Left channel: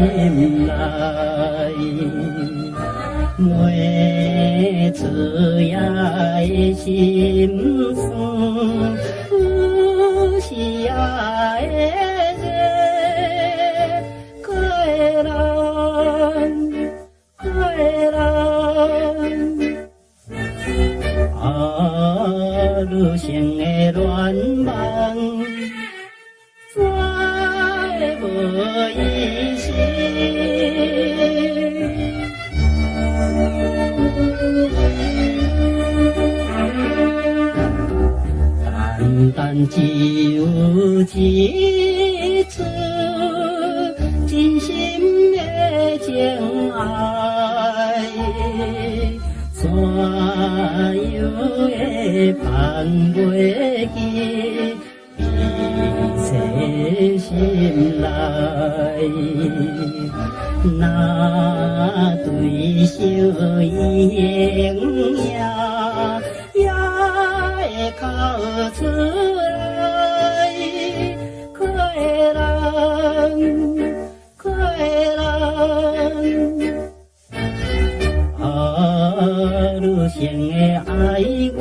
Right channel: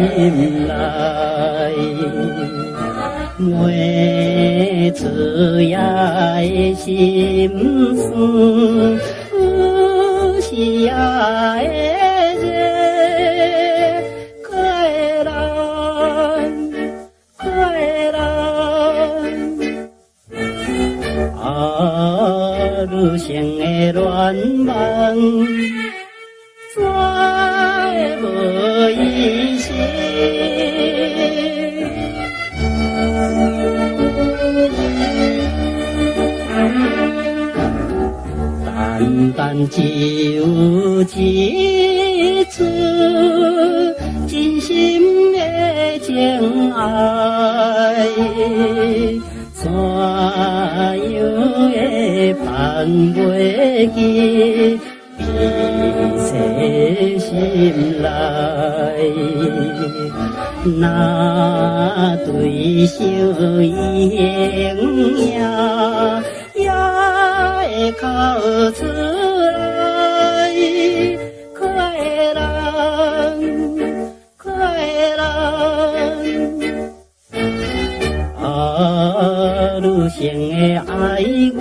心来，每次也会心酸，有时也会热，可会人，可会人。女性的恋梦，怎会无意思？单单只有一次真心的情爱，怎样会放袂记？比细心来，那对相依的影也会哭出来，可会人，可会人。女性的哀怨，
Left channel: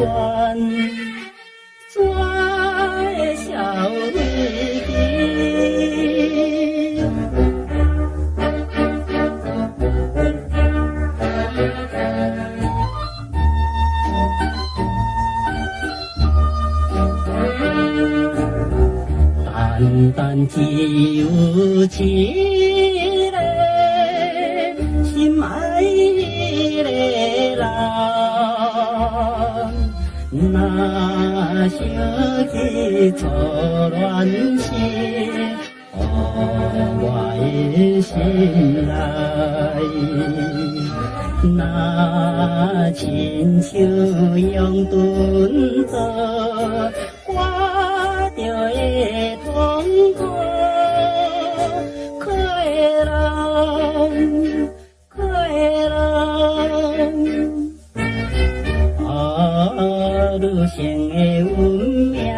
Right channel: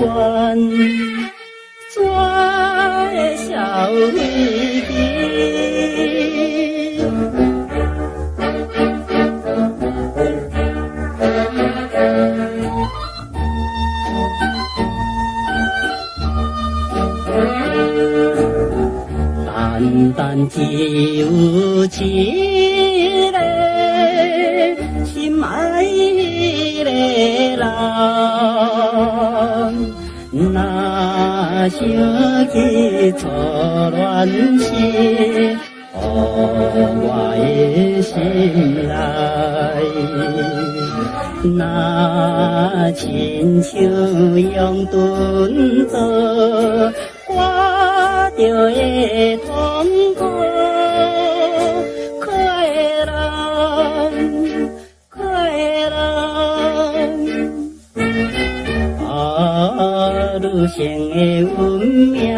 怎会消灭去？单单只有一个心爱的人，若想起初恋时，我的心内，若亲像用盾做我着会痛苦，可会人，可会人。女性的运命。